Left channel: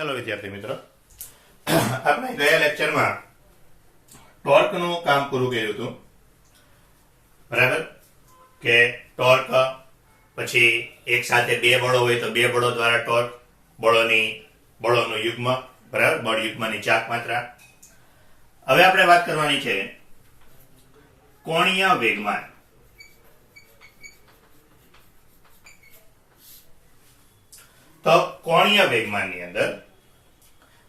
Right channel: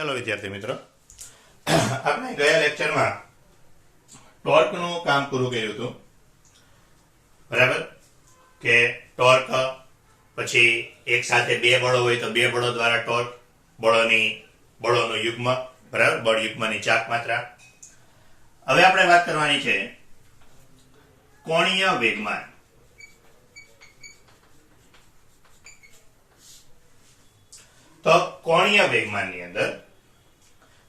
चलो विद्यार्थी मित्रों, આપણે ગયા લેક્ચરમાં ટોર્કનું કામ પૂરું કર્યું હતું. બરાબર કે ટોર્ક પછી એક સાથે બે બળો હોય તો બે બળો દ્વારા ટોર્ક, બળોનું યુગ્મ, બરાબર, બળ યુગ્મની ચાક માત્રા. હવે આપણે વાત કરવાની છે કોણીય વેગમાન. તો કોણીય વેગમાનની અંદર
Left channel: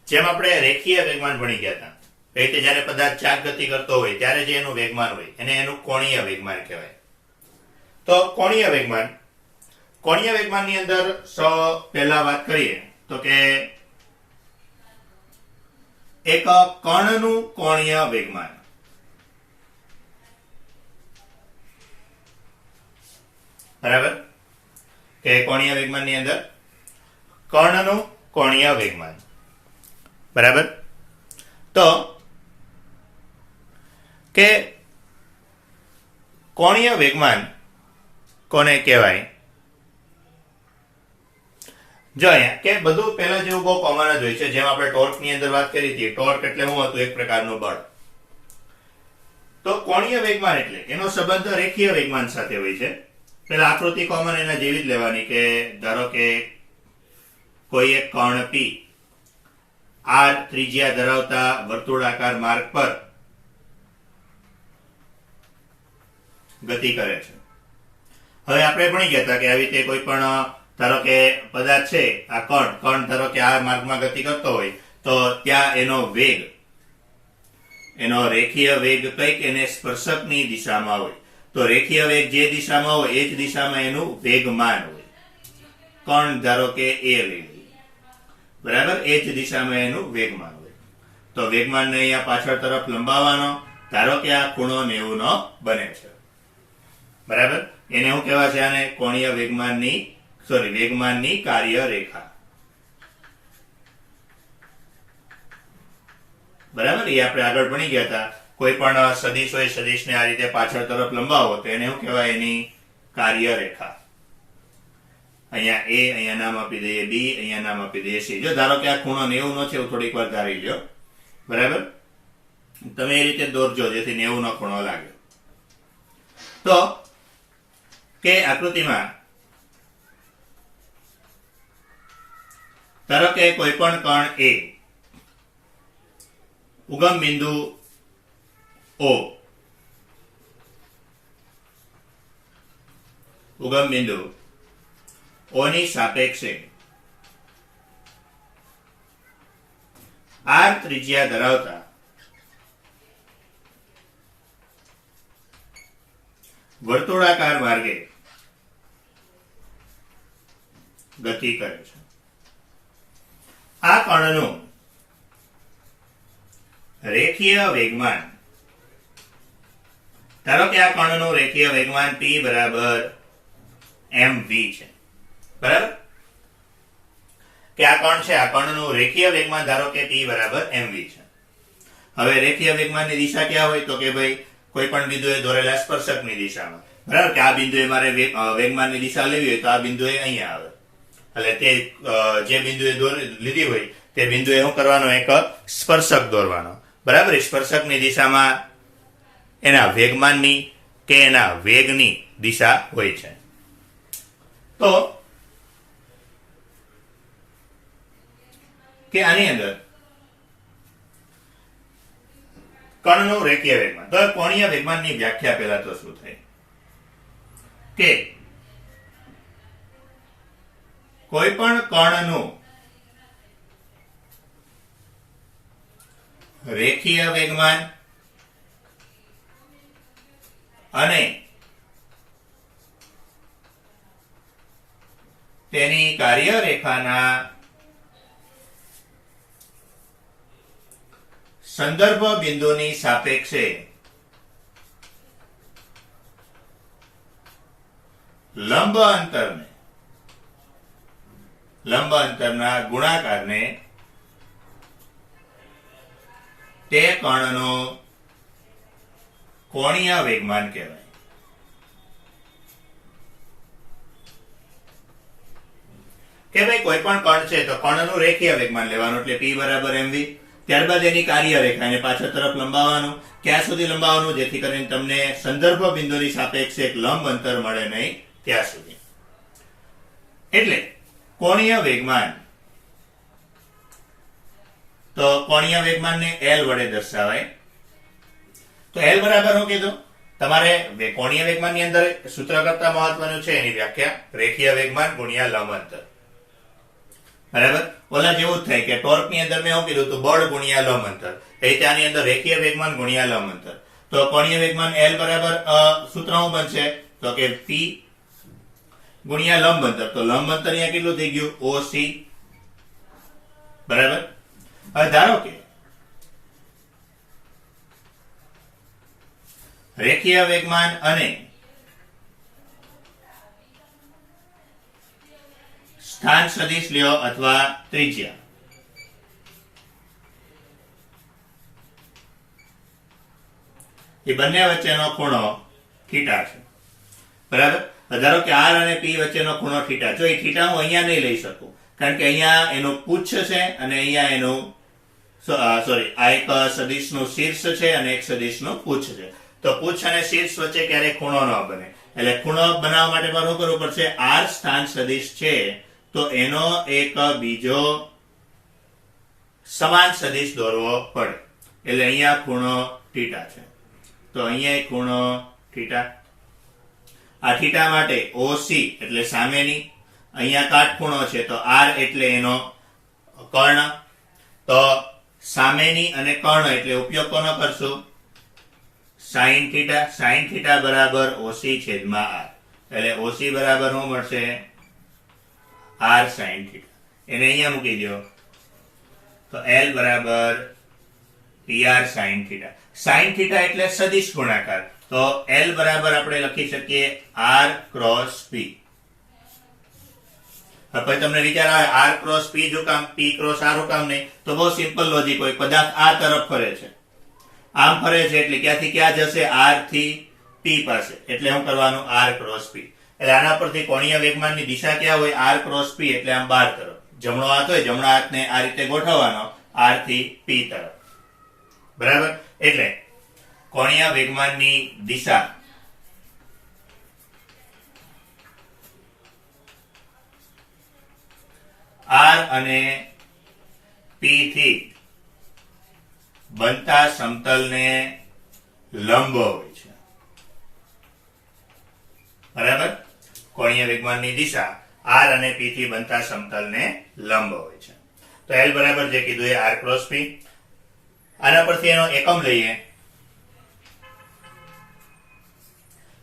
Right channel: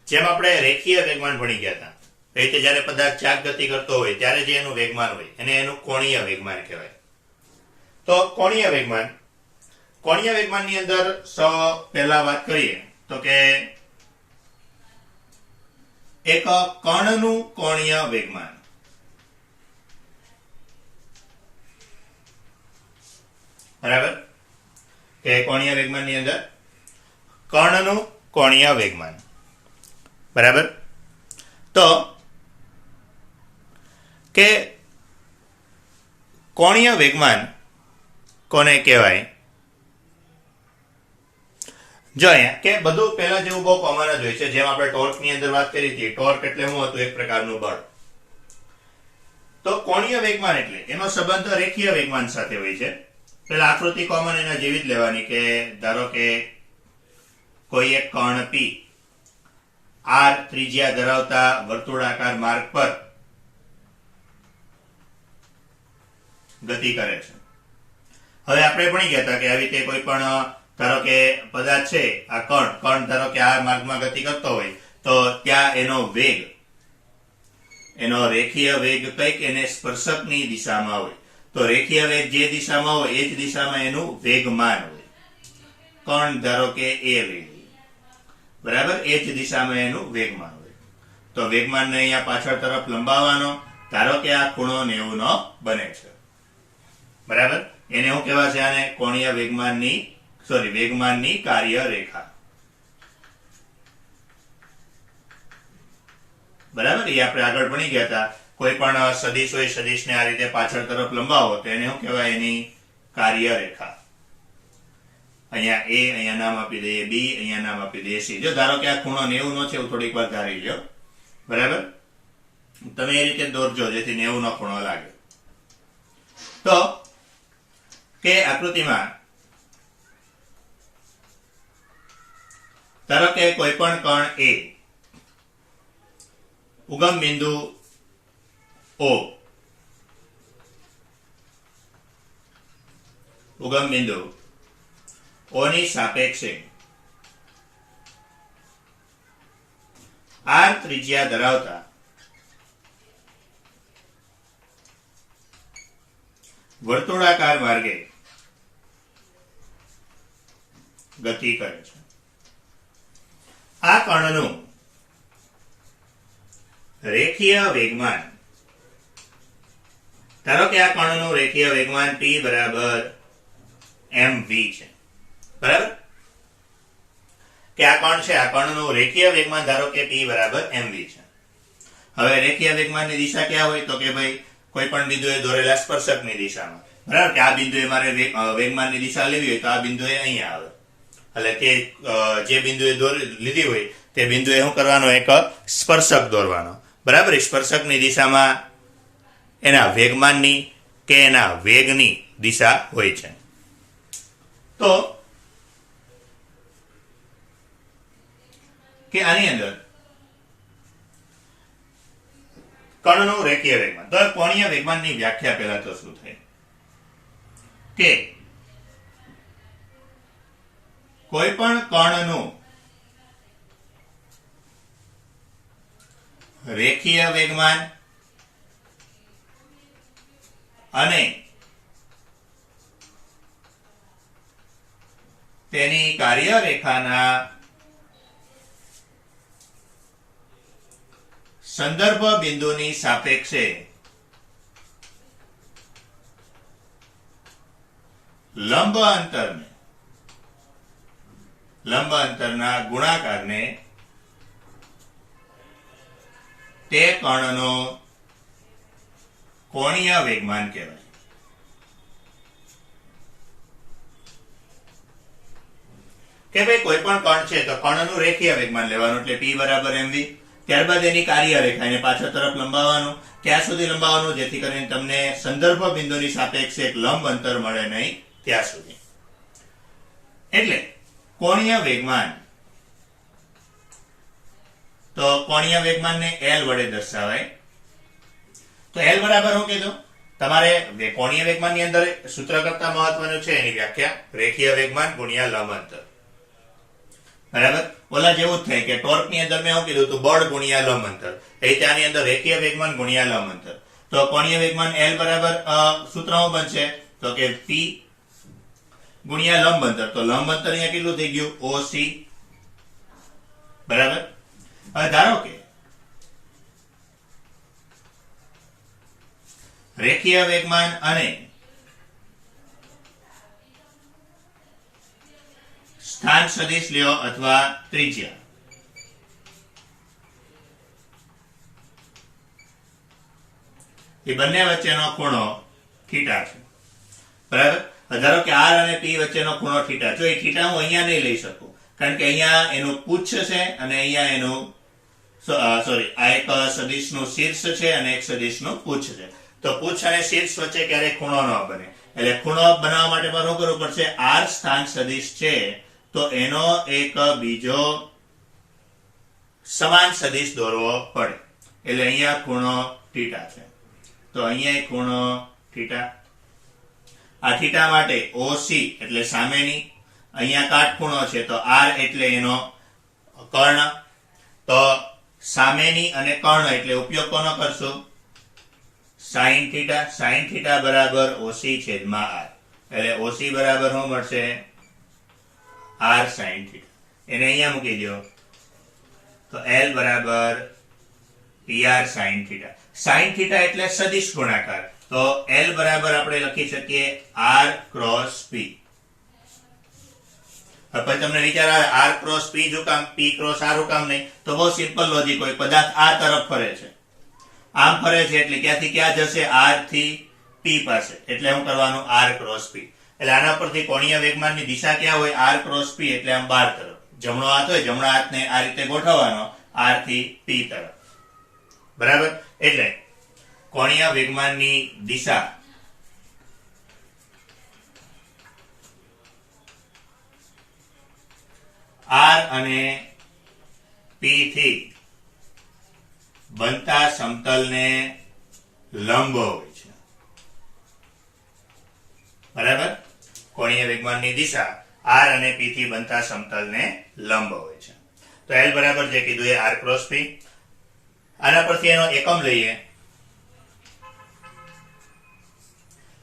જેમ આપણે રેખીય વેગમાન ભણી ગયા હતા, એ રીતે જ્યારે પદાર્થ ચાક ગતિ કરતો હોય ત્યારે જે એનું વેગમાન હોય એને એનું કોણીય વેગમાન કહેવાય. તો કોણીય વેગમાનની અંદર પહેલા વાત કરીએ તો કે એક કણનું કોણીય વેગમાન. બરાબર કે કોણીય વેગમાનની અંદર કર્ણનું કોણીય વેગમાન. બરાબર, તો કે કોણીય વેગમાન કોને કહેવાય? જો અહીંયા કે બધું પહેલા જેવું બહુ કોમન જ હોય છે. જેમ આપણે ટોર્કની અંદર વાત કરી હતી, ટોર્ક એટલે શું હતું? એક પ્રકારનું બળ. તો કોણીય વેગમાન એટલે એનો સંબંધ રેખીય વેગમાન સાથે હોય છે. પેલા આકૃતિ કોમન એના જેવી જ લેવાની કે ધારો કે કોઈ એક કણ P r ત્રિજ્યા ધરાવતા વર્તુળાકાર માર્ગ પર ગતિ કરે છે. હવે આપણે ભણી ગયા હતા કે આવી રીતે કોઈ પણ ધારો કે પદાર્થ છે, આ કણ ધારો કે આ માર્ગમાં ગતિ કરતો હોય તો ત્યાં એનો વેગ, એનો રેખીય વેગ કઈક એને સ્પર્શકની દિશામાં હોય. તો રેખીય વેગ જે દિશામાં હોય એ જ દિશામાં એનું વેગમાન હોય. કણ ધારો કે એ વેગ, બરાબર, એ જ દિશામાં એનું વેગમાન હોય. તો વેગમાનને અહીંયા પાછળ તરફ લંબાવવાનો. ધારો કે આ ખૂણો 90 નો બને છે. બરાબર, એને શું કહેવાય છે? આને કોણીય વેગમાનની કાર્ય રેખા. બરાબર, એ આપણે આગળ ભણી ગયા હતા. કોઈ પણ સદિશ હોય, સદિશને આ રીતે પાછળ તરફ લંબાવો તો એને શું કહેવાય? એની કાર્ય રેખા. અહીંયા A, અહીંયા નામ આપી દઈએ B, અહીંયા નામ આપી દઈએ C. જો ધારો કે આ ખૂણો 90 નો છે એવું થોડીક વાર ધારી લો. બરાબર, તમે એ રીતે દોરજો જેથી 90 નો ખૂણો લાગે. તો કે આકૃતિમાં ધારો કે કોઈ પણ કણ A ઉગમ બિંદુ O ની સાપેક્ષે r ત્રિજ્યા ધરાવતા વર્તુળાકાર માર્ગે ગતિ કરે છે. આ કણનું રેખીય વેગમાન, ધારો કે આ કણનું રેખીય વેગમાન P બરાબર mv છે. બરાબર, કે આ કણ છે, આ કણનું રેખીય વેગમાન ધારો કે P બરાબર mv છે. હવે રેખીય વેગમાનની દિશા ક્યાં હોય? તો કે ભાઈ કોઈ પણ બિંદુએ દોરેલા સ્પર્શકની દિશામાં. બરાબર, કે આ બિંદુએ મારે વેગમાનની દિશા લેવી હોય તો આ બિંદુએ અહીંયા આવે. એટલે તે જે બિંદુએ લીધી હોય તે બિંદુએ શું કરવાનો? એક સ્પર્શક દોરવાનો. બરાબર, સ્પર્શકની દિશામાં એના વેગમાનની કે એના વેગની દિશા હોય છે. તો કે આની અંદર કણનું રેખીય વેગમાન. તો કોણીય વેગમાનની વ્યાખ્યા પહેલા તો શું થાય કે કોઈ પણ કણનું રેખીય વેગમાન અને તેની કાર્યરેખાના સંદર્ભ બિંદુની સાપેક્ષે લંબ અંતરના ગુણાકારને તે કણનો કોણીય વેગમાન કહેવાય. કે ભાઈ કોઈ પણ કણ છે તો કણનું રેખીય વેગમાન લેવાનું એટલે p બરાબર mv. ત્યારબાદ એની કાર્ય રેખાને પાછળ તરફ લંબાવવાનું. ક્યાં સુધી લંબાવવાનું? જેથી કરીને તમને સંદર્ભ બિંદુની સાપેક્ષે એક લંબ અંતર મળે નહીં ત્યાં સુધી. એટલે કોણીય વેગમાન, તો કોણીય વેગમાનને L વડે દર્શાવાય. તો L બરાબર શું કીધું? તમારે કોણીય વેગમાનની અંદર સૂત્ર કરતા મહત્વનું છે એની વ્યાખ્યા, રેખીય વેગમાન ગુણ્યા લંબ અંતર. બરાબર? ઓલા જેવું જ થાય કે ટોર્ક ની અંદર મેં શું કીધું હતું? બળ ગુણ્યા લંબ અંતર. એ ત્યાંની અંદર રેખીય વેગમાન ગુણ્યા લંબ અંતર. તો કોણીય વેગમાન L બરાબર સૂત્ર શું બનશે? તો કે p ગુણ્યા લંબ અંતર. તો લંબ અંતર અહીંયા કેટલું થઈ ગયું? OC. બરાબર? હવે ધારો કે રેખીય વેગમાન અને સ્થાન સદિશ લ્યો અથવા ત્રિજ્યા, એ બંને વચ્ચેનો ખૂણો થીટા છે. બરાબર? ધારો કે r અને p વચ્ચેનો ખૂણો થીટા. જો એ થીટા હું અહીંયા નહીં લઈ શકું, કારણ કે અહીંયા એનું પુચ્છ છે અને અહીંયા એનું સોરી આ એક સદિશનું શીર્ષ છે અને એક સદિશનું પુચ્છ છે. તો પુચ્છ અને શીર્ષ વચ્ચે ક્યારેય ખૂણો ન બને. એટલે ખૂણો બનાવવા માટે શું કરવું પડશે? r સ્થાન સદિશ છે તો એનો એક બીજો સમાન સદિશ દોરવો પડે. એટલે અહીંયા ખૂણો થીટા છે, તો અહીંયા ખૂણો થીટા. આ થીટા માટે OC એટલે સામેની, અહીંયા કાટખૂણો છે તો R એટલે એનો કર્ણ. તો સામેની અને કર્ણ એટલે ઉપયોગ કોનો કરશું? sin theta. sin થીટા બરાબર OC છેદમાં R. એટલે OC બરાબર શું મળશે? R sin theta. એને અહીંયા મૂકી દો તો L બરાબર PR sin theta. sin theta એટલે સદિશ ગુણાકાર. તો L બરાબર આપણે લખી શકીએ R ક્રોસ P. હવે તમને વિચાર આવે R ક્રોસ P જો કામ, P ક્રોસ R કામ નહીં? તો બહુ સિમ્પલ લોજિક હોય. પદાર્થ આ તરફ ફરે છે, આમ ફરે છે એટલે ક્યાંથી ક્યાં જશે? R થી P પાસે. એટલે શું કરવાનું? R cross P. એટલે આના પરથી કોણીય વેગમાનની દિશા ક્યાં હોય? R ક્રોસ P એટલે આમ બહાર તરફ. જમણો હાથ હોય, જમણા હાથને આ રીતે ગોઠવવાનો R થી P તરફ. બરાબર? એટલે કોણીય વેગમાનની દિશા R અને P થી બનતા સમતલને લંબ હોય છે. બરાબર? કોણીય વેગમાનની દિશા R અને P થી બનતા સમતલને લંબ હોય છે. તો L બરાબર જે કીધું એ R ક્રોસ P. આના પરથી એનો એકમ લઈએ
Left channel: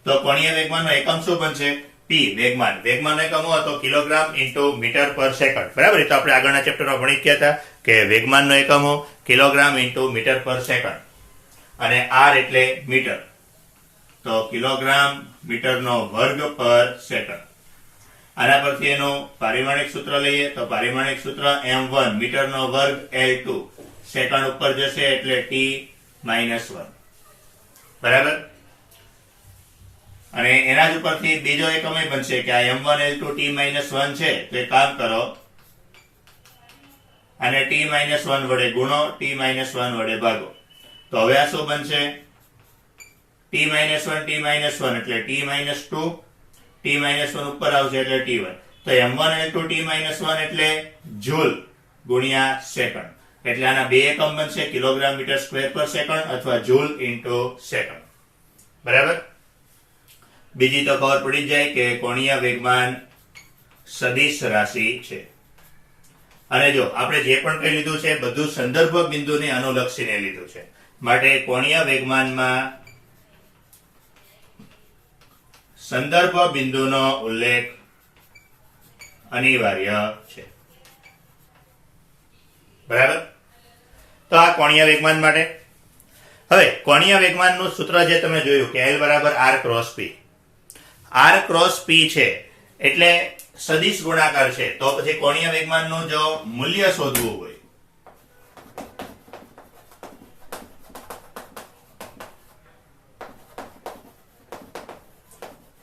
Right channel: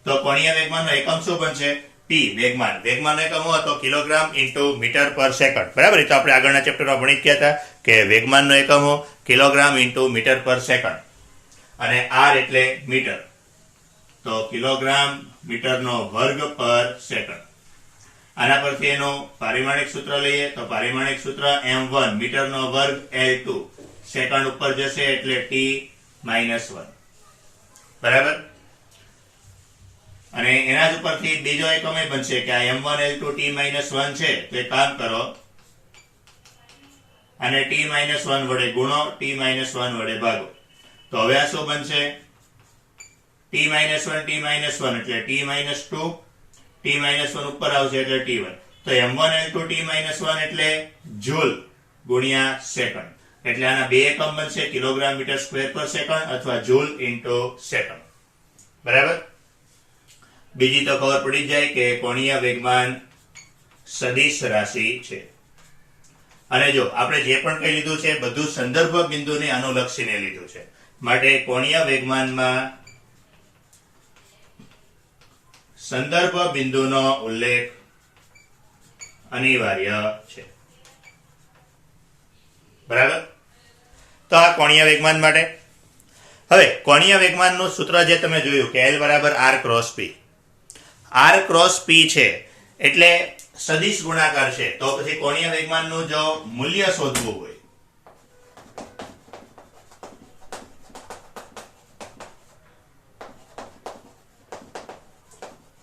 તો કોણીય વેગમાનનો એકમ શું બનશે? P વેગમાન. વેગમાનનો એકમ હોય તો કિલોગ્રામ ઇન્ટુ મીટર પર સેકન્ડ. બરાબર? એ તો આપણે આગળના ચેપ્ટરમાં ભણી ગયા હતા કે વેગમાનનો એકમ કિલોગ્રામ ઇન્ટુ મીટર પર સેકન્ડ અને R એટલે મીટર. તો કિલોગ્રામ મીટરનો વર્ગ પર સેકન્ડ. આના પરથી એનું પારિમાણિક સૂત્ર લઈએ તો પારિમાણિક સૂત્ર m1 મીટરનો વર્ગ L2 સેકન્ડ ઉપર જશે એટલે t-1. બરાબર? અને એના જ ઉપરથી બીજો એકમ એ બનશે કે આ m1 L2 t-1 છે તો એક કામ કરો અને t-1 વડે ગુણો, t-1 વડે ભાગો. તો હવે આ શું બનશે? t-1 એટલે t-2, t-1 ઉપર આવશે એટલે t1. તો m1 L2 t-1 એટલે જૂલ ગુણ્યા સેકન્ડ. એટલે આના બે એકમ બનશે, કિલોગ્રામ મીટર સ્ક્વેર પર સેકન્ડ અથવા જૂલ ઇન્ટુ સેકન્ડ. બરાબર? બીજી તો ખબર પડી જાય કે કોણીય વેગમાન સદિશ રાશિ છે. અને જો આપણે જે પણ કહી લીધું છે બધું સંદર્ભ બિંદુને અનુલક્ષીને લીધું છે. માટે કોણીય વેગમાનમાં સંદર્ભ બિંદુનો ઉલ્લેખ અનિવાર્ય છે. બરાબર? તો આ કોણીય વેગમાન માટે. હવે કોણીય વેગમાનનું સૂત્ર જે તમે જોયું કે L બરાબર R cross P. R cross P છે એટલે સદિશ ગુણાકાર છે. તો પછી કોણીય વેગમાનનું જો મૂલ્ય શોધવું હોય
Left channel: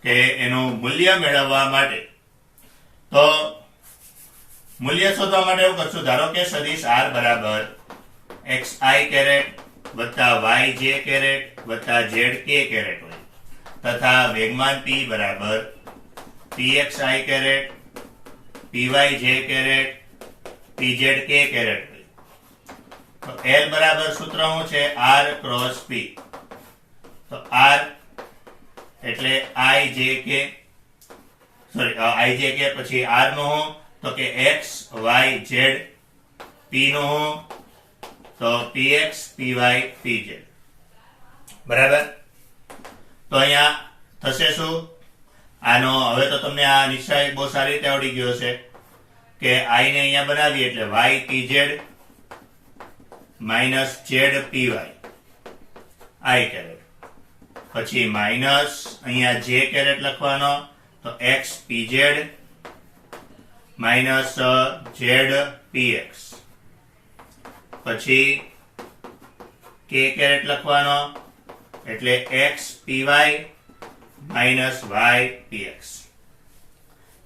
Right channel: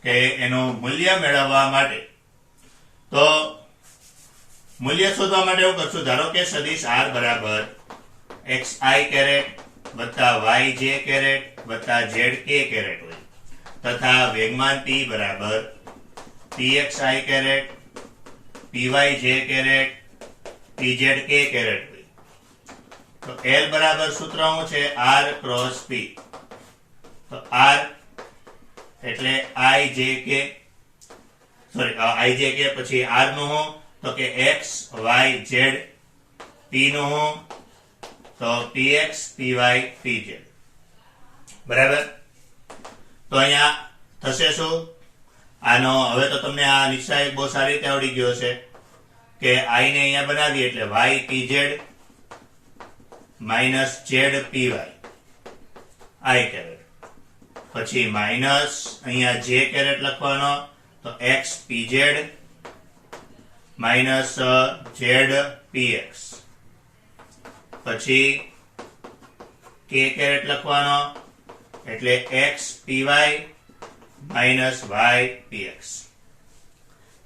કે એનું મૂલ્ય મેળવવા માટે તો મૂલ્ય શોધવા માટે એવું કરશું, ધારો કે સદિશ r બરાબર xi કેરેટ વત્તા yj કેરેટ વત્તા zk કેરેટ હોય તથા વેગમાન p બરાબર pxi caret pyj caret pzk caret હોય. તો l બરાબર સૂત્ર શું છે? r cross p. તો r એટલે ijk પછી r નું હું તો કે x y z, p નું હું તો px py pz. બરાબર. તો અહીંયા થશે શું? આનો હવે તો તમને આ નિશ્ચય બહુ સારી રીતે આવડી ગયો છે કે i ને અહીંયા બનાવીએ એટલે y pz minus z py i caret, પછી માઇનસ અહીંયા j કેરેટ લખવાનો તો x pz minus z px, પછી k કેરેટ લખવાનો એટલે x py minus y px.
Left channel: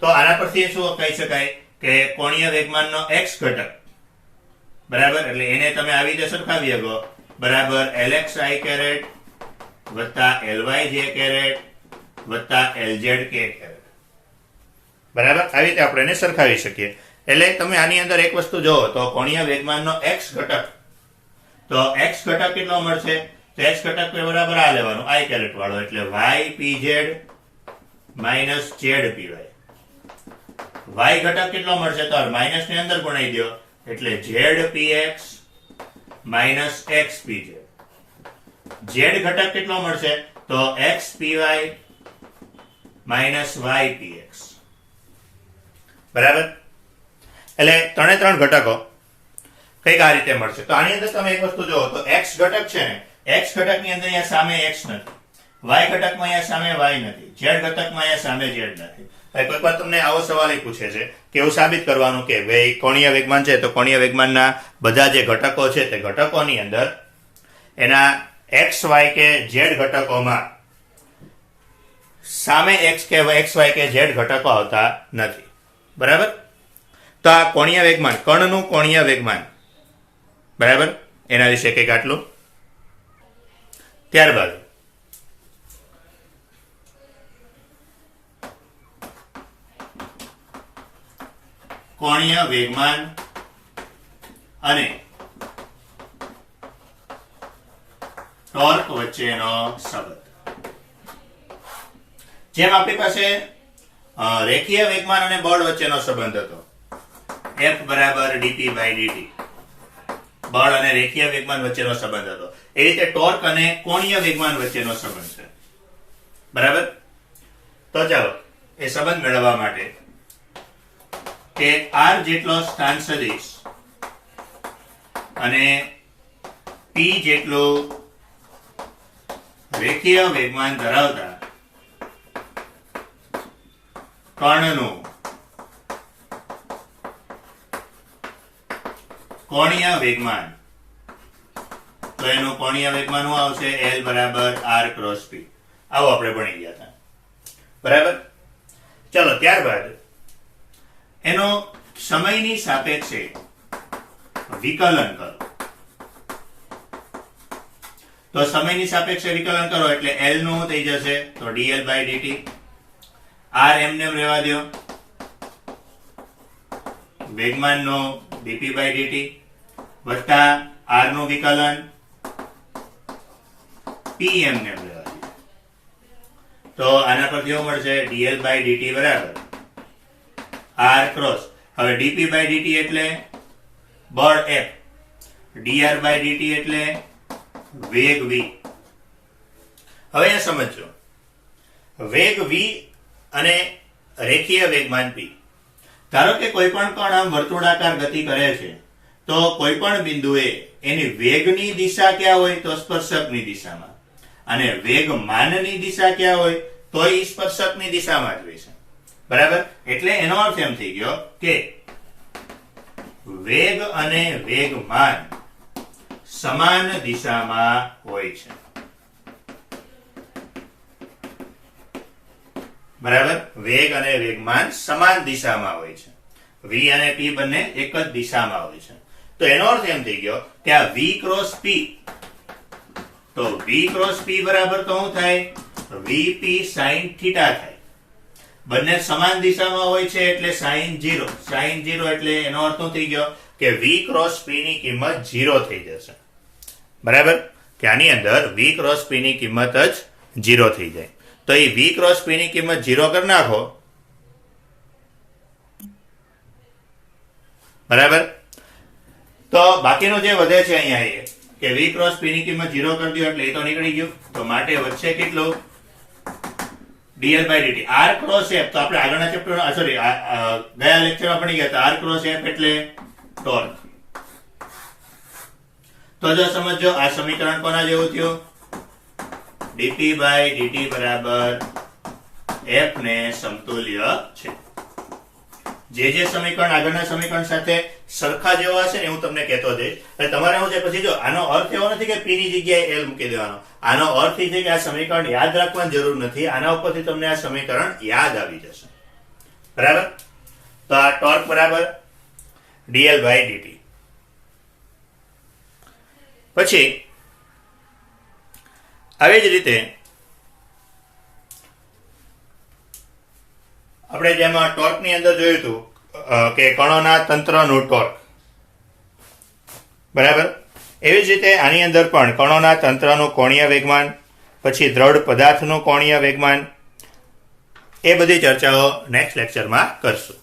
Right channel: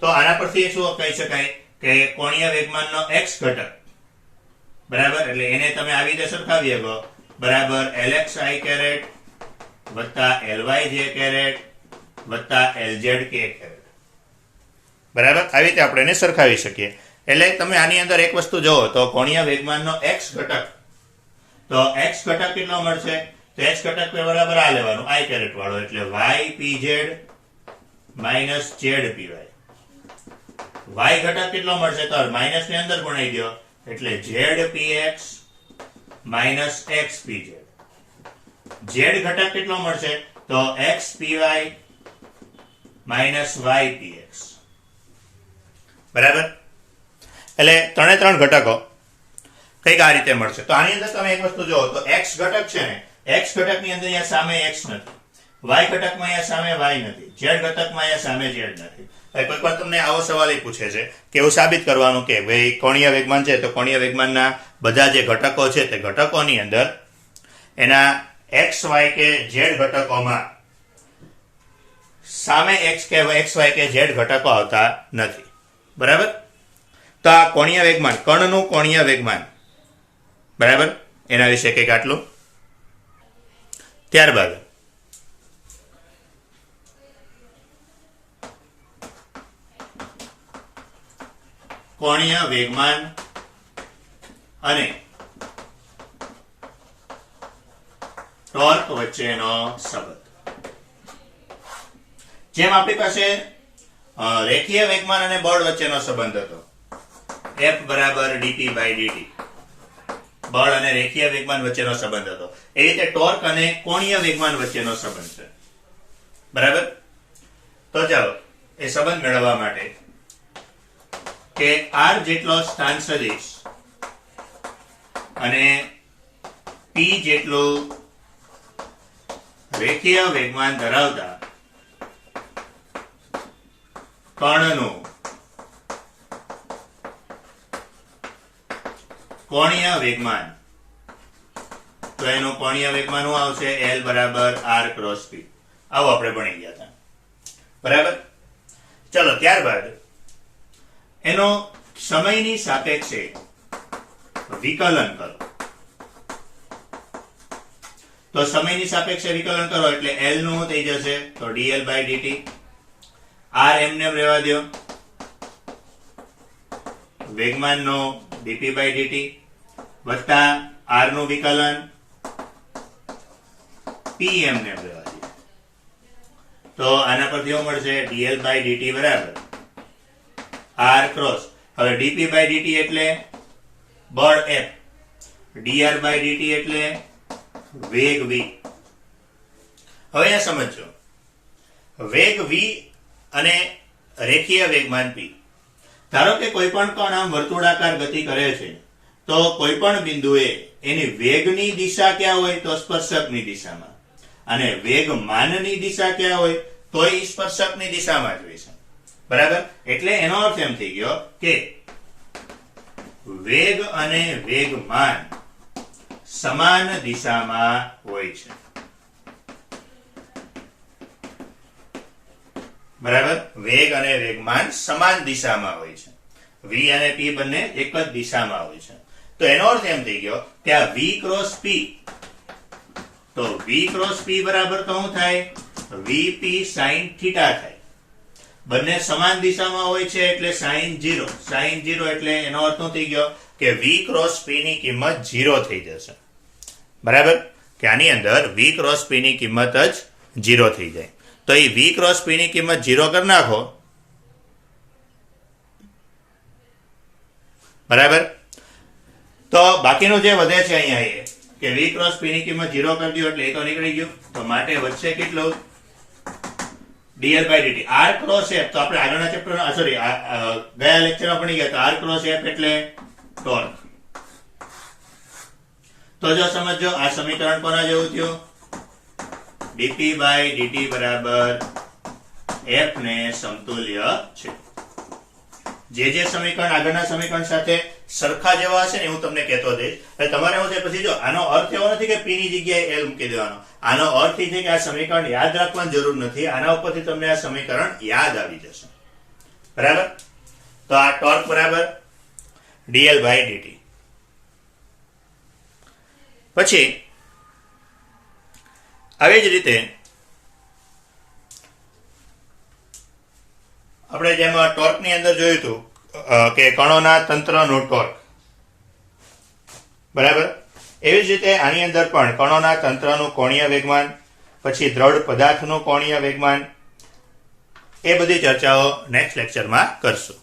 તો આના પરથી શું કહી શકાય કે કોણીય વેગમાનનો x ઘટક બરાબર, એટલે એને તમે આવી રીતે સરખાવી શકો બરાબર lxi કેરેટ વત્તા lyj કેરેટ વત્તા lzk કેરેટ. બરાબર, આવી રીતે આપણે એને સરખાવી શકીએ. એટલે તમે આની અંદર એક વસ્તુ જોવો તો કોણીય વેગમાનનો x ઘટક, તો x ઘટક કેટલો મળશે? તો x ઘટક બરાબર આ લેવાનું i કેરેટ વાળો એટલે y pz minus z py. y ઘટક કેટલો મળશે? તો માઇનસ ની અંદર ગુણાઈ દો એટલે z px minus x pz. z ઘટક કેટલો મળશે? તો x py minus y px. બરાબર, એટલે ત્રણ ઘટકો કઈક આ રીતે મળશે. તો આની અંદર તમે એક વસ્તુ જોવો તો x ઘટક છે ને, x ઘટક ની અંદર અહીંયા સામે x નથી, y ઘટકમાં અહીંયા સામે y નથી, z ઘટકમાં અહીંયા સામે z નથી. કોઈક વાર તમને આવો સવાલ પૂછે છે કે એવું સાબિત કરવાનું કે ભાઈ કોણીય વેગમાન છે તો કોણીય વેગમાનના બધા જે ઘટકો છે તે ઘટકોની અંદર એના x y કે z ઘટકોમાં સામે x કે y કે z ઘટકો આવતા નથી. બરાબર, તો આ કોણીય વેગમાન, કણનું કોણીય વેગમાન, બરાબર, એના વિશે કંઈક આટલું. ત્યારબાદ કોણીય વેગમાન અને ટોર્ક વચ્ચેનો સંબંધ. જેમ આપણી પાસે રેખીય વેગમાન અને બળ વચ્ચેનો સંબંધ હતો F બરાબર dp by dt, બળ અને રેખીય વેગમાન વચ્ચેનો સંબંધ હતો, એ રીતે ટોર્ક અને કોણીય વેગમાન વચ્ચેનો સંબંધ છે. બરાબર, તો ચાલો એ સંબંધ મેળવવા માટે કે r જેટલો સ્થાન સદિશ અને p જેટલું રેખીય વેગમાન ધરાવતા કણનું કોણીય વેગમાન, તો એનું કોણીય વેગમાન શું આવશે? L બરાબર r ક્રોસ p. આવો આપણે ભણી ગયા હતા. બરાબર, ચલો ત્યારબાદ એનો સમયની સાપેક્ષે વિકલન કરો. તો સમયની સાપેક્ષે વિકલન કરો એટલે L નું થઈ જશે તો dl by dt, r એમને રહેવા દો, વેગમાન નો dp by dt વત્તા r નું વિકલન p એમને રહેવા દો. તો આના પરથી શું મળશે? dl by dt બરાબર r ક્રોસ, હવે dp by dt એટલે બળ F, dr by dt એટલે વેગ v. હવે એ સમજો, વેગ v અને રેખીય વેગમાન p. ધારો કે કોઈ પણ કણ આમ વર્તુળાકાર ગતિ કરે છે તો કોઈ પણ બિંદુએ એની વેગની દિશા ક્યાં હોય? તો સ્પર્શકની દિશામાં, અને વેગમાનની દિશા ક્યાં હોય? તો એ સ્પર્શકની દિશામાં જ હોય છે. બરાબર, એટલે એનો અર્થ એમ થઈ ગયો કે વેગ અને વેગમાન સમાન દિશામાં હોય છે. બરાબર, વેગ અને વેગમાન સમાન દિશામાં હોય છે. V અને P બંને એક જ દિશામાં હોય છે. તો એનો અર્થ એમ થઈ ગયો કે આ V ક્રોસ P, તો V ક્રોસ P બરાબર તો શું થાય? VP sin થીટા થાય. બંને સમાન દિશામાં હોય છે એટલે sin 0. sin 0 એટલે એનો અર્થ શું થઈ ગયો કે V ક્રોસ P ની કિંમત 0 થઈ જશે. બરાબર? કે આની અંદર V ક્રોસ P ની કિંમત જ 0 થઈ જાય. તો એ V ક્રોસ P ની કિંમત 0 કરી નાખો. બરાબર? તો બાકીનું જે વધે છે અહીંયા એ કે V ક્રોસ P ની કિંમત 0 કરી દો એટલે એ તો નીકળી ગયું. તો માટે વધશે કેટલું? dl by dt. r cross f, તો આપણે આગળના ચેપ્ટર સોરી ગયા લેક્ચરમાં ભણી ગયા હતા. r ક્રોસ f એટલે ટોર્ક. તો જો સમજો આ સમીકરણ કોના જેવું થયું? dp by dt બરાબર f ને સમતુલ્ય છે. જે સમીકરણ આગળના સમીકરણ સાથે સરખા જેવા હશે ને હું તમને કહેતો જઈશ. એટલે તમારે શું છે પછી જો આનો અર્થ એવો નથી કે p ની જગ્યાએ l મૂકી દેવાનો. આનો અર્થ એ છે કે આ સમીકરણ યાદ રાખવાની જરૂર નથી. આના ઉપરથી તમને આ સમીકરણ યાદ આવી જશે. બરાબર? તો આ ટોર્ક બરાબર dl by dt. પછી આવી જ રીતે આપણે જેમાં ટોર્ક ની અંદર જોયું હતું કે કણોના તંત્રનું ટોર્ક. બરાબર? એવી જ રીતે આની અંદર પણ કણોના તંત્રનું કોણીય વેગમાન, પછી દ્રઢ પદાર્થનું કોણીય વેગમાન, એ બધી ચર્ચાઓ નેક્સ્ટ લેક્ચરમાં કરશું.